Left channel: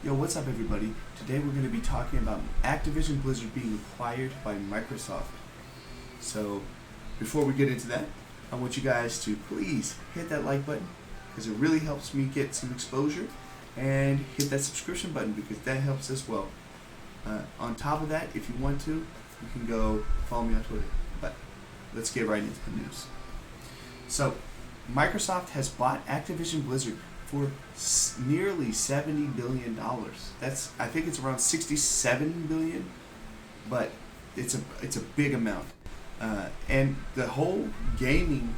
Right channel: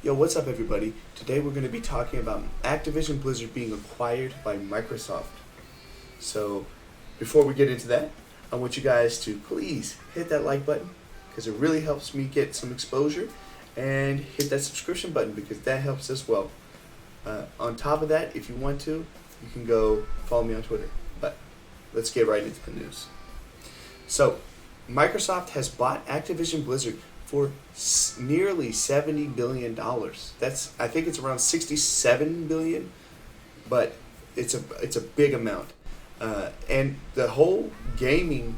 Yo, what's up, everybody? Today we're going to be talking about Activision-Blizzard being acquired by Microsoft. So, before we get into that, I want you guys to please hit that like button because it really helps me get some exposure, and hit that subscription button because that helps as well. On top of that, if you want to, you can go follow me on Twitter. But let's get right into the news. So, Microsoft has bought Activision-Blizzard for nearly $70 billion. I think it's around 67 billion, but it's a big amount. And the whole gaming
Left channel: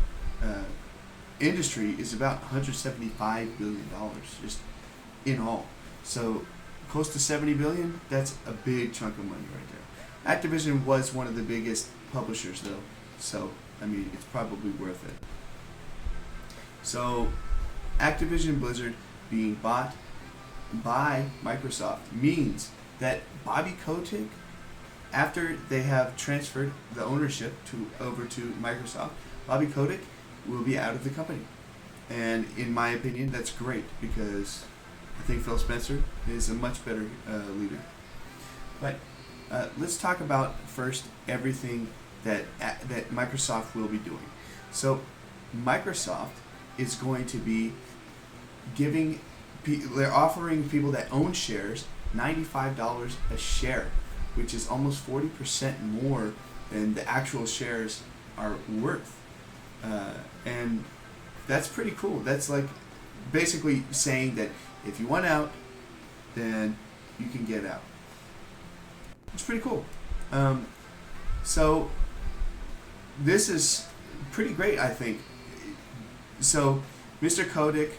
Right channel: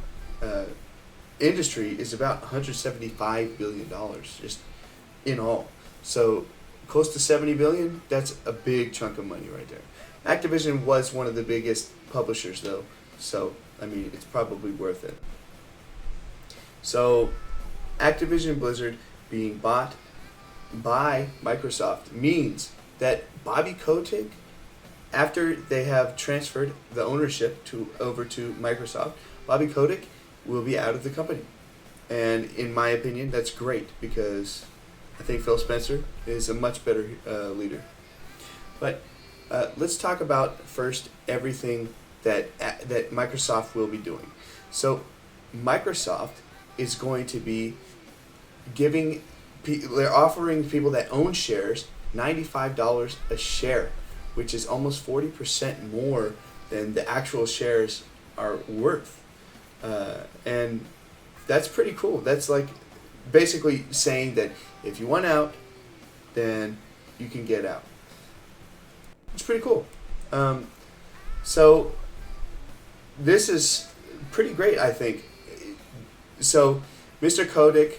industry is about $175 billion just in all. So close to 70 billion, that's a big chunk of money right there. Activision was one of the biggest publishers though, so I mean it's probably worth it. So Activision-Blizzard being bought by Microsoft means that Bobby Kotick, after they have transferred the ownership over to Microsoft, Bobby Kotick will be out of the company. And in my opinion, that's great because I think Phil Spencer is a much better leader. But let's talk about first everything that Microsoft will be doing. So Microsoft is going to be they're offering people that own shares $95 a share, which is almost 40% more than the actual shares are worth. And that's pretty cool. That's like basically saying that if you want out, then you can get out. It's pretty cool. So this is pretty great, I think. So Mr. Kotick,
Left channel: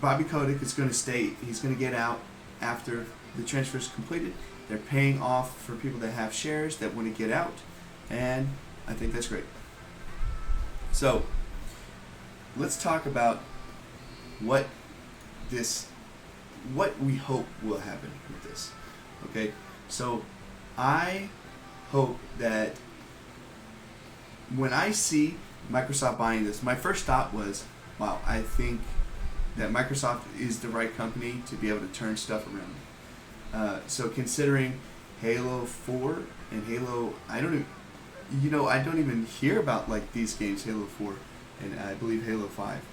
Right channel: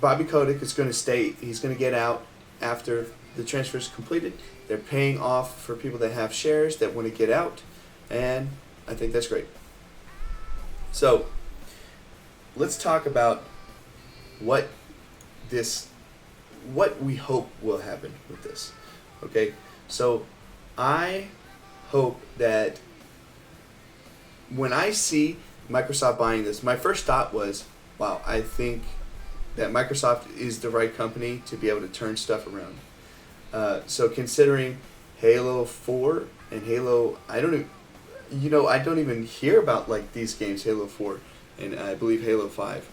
Bobby Kotick is going to stay. He's going to get out after the transfer is completed. They're paying off for people that have shares that want to get out, and I think that's great. So let's talk about what we hope will happen with this. Okay, so I hope that when I see Microsoft buying this, my first thought was, wow, I think that Microsoft is the right company to be able to turn stuff around. So considering Halo 4 and Halo, I don't even hear about like these games, Halo 4 and I believe Halo 5,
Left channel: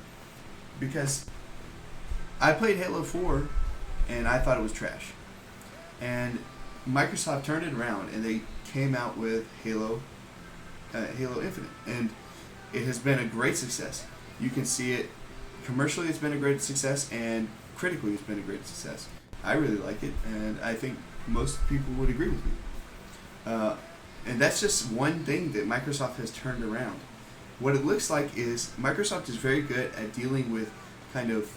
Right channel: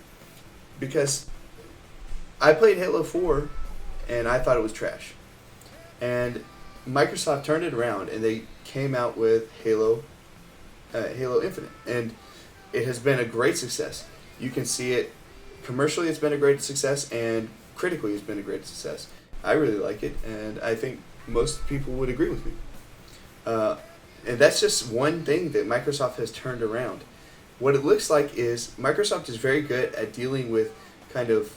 because I played Halo 4 and I thought it was trash. And Microsoft turned it around and they came out with Halo Infinite, and it has been a great success. You can see it commercially, it's been a great success, and critically it's been a great success. I really like it, and I think most people would agree with me. And that's just one thing that Microsoft has turned around. What it looks like is Microsoft is very good at dealing with kind of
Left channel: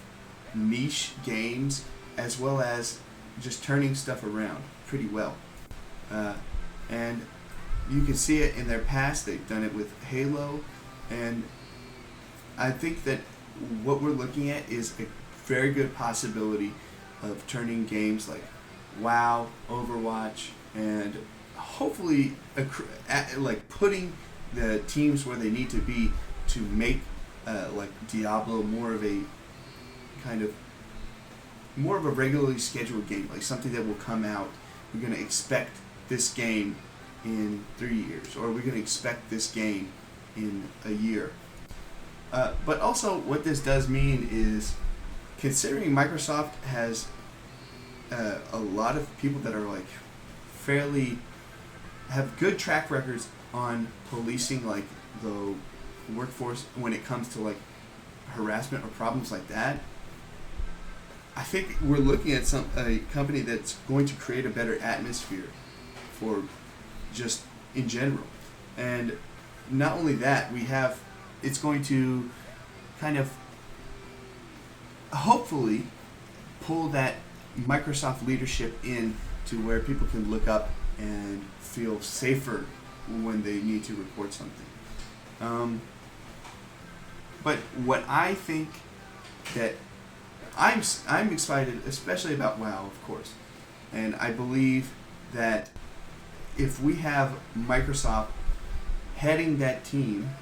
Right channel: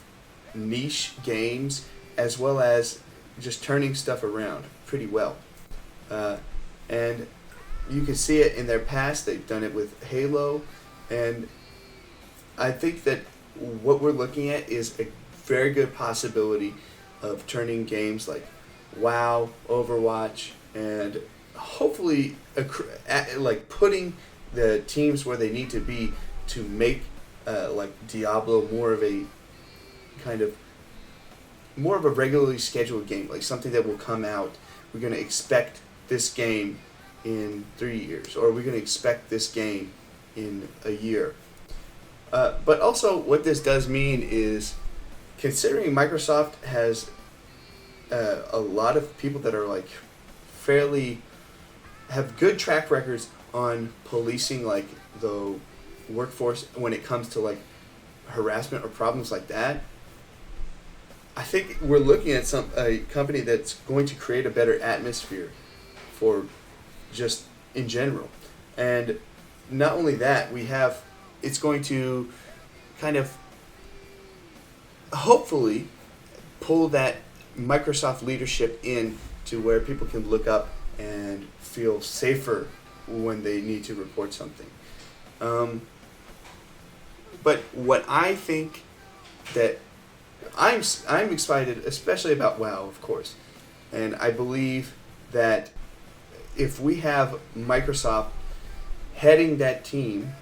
niche games as well as just turning stuff around pretty well. And you can see it in their past. They've done it with Halo, and I think that what we're looking at is a very good possibility of turning games like WoW, Overwatch, and hopefully like putting the teams where they need to be to make like Diablo more of a regularly scheduled game, like something that will come out. We're going to expect this game in 3 years, or we're going to expect this game in a year. But also what this does mean is, considering Microsoft has a lot of people that are like have good track records on policing like the workforce when it comes to like harassment or problems like that, I think we're looking at a company that's going to create a better atmosphere for just in general. And not only that, it's going to kind of hopefully pull that Microsoft leadership in to where people can look up and feel safer when they need to report something. But what I think that I'm excited, especially about WoW, of course, and I believe that if we have Microsoft heading that team,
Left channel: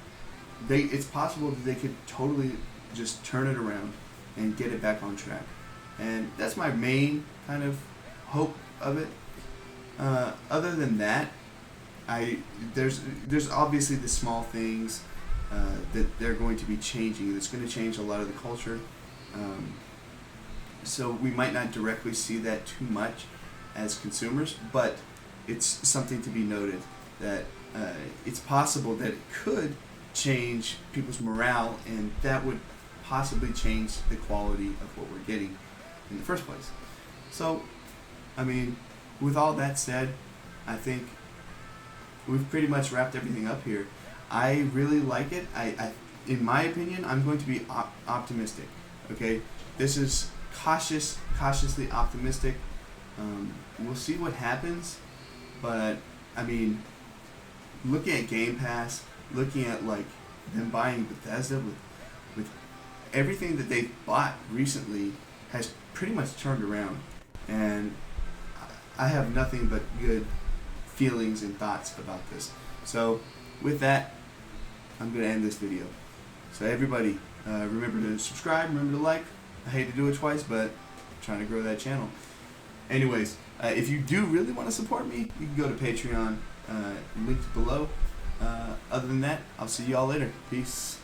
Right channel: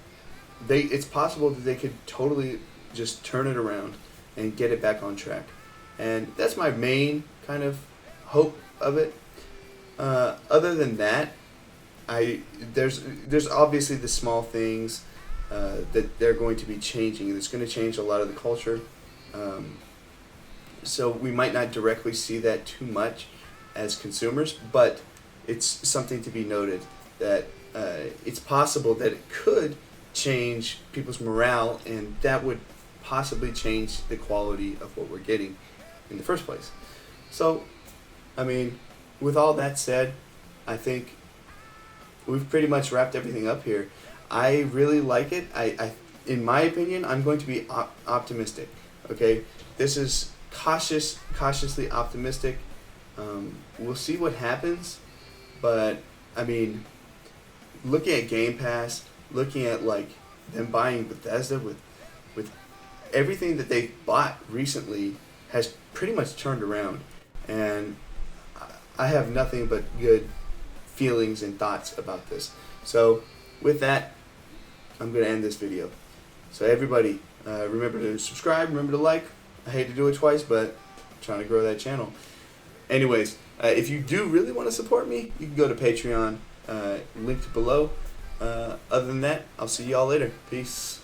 it's possible that they could totally just turn it around and get it back on track. and that's my main kind of hope of it. Other than that, there's obviously the small things that they're going to be changing. It's going to change a lot of the culture. So we might not directly see that too much as consumers, but it's something to be noted that it's possible that it could change people's morale, and that would possibly change the quality of what we're getting in the first place. So, I mean, with all that said, I think we've pretty much wrapped everything up here. I really like it. In my opinion, I'm going to be optimistic. Okay, this is cautiously optimistic. We'll see what happens, but I mean, looking at Game Pass, looking at like them buying Bethesda with everything that they bought recently has pretty much turned around, and I have nothing but good feelings and thoughts about this. So with that, I'm going to end this video. So everybody, remember to subscribe, remember to like. I hate to do it twice, but I'm trying to grow that channel. Anyways, if you do really want to support me, you can go to Patreon, linked below. Other than that, I'll see you all later. Peace.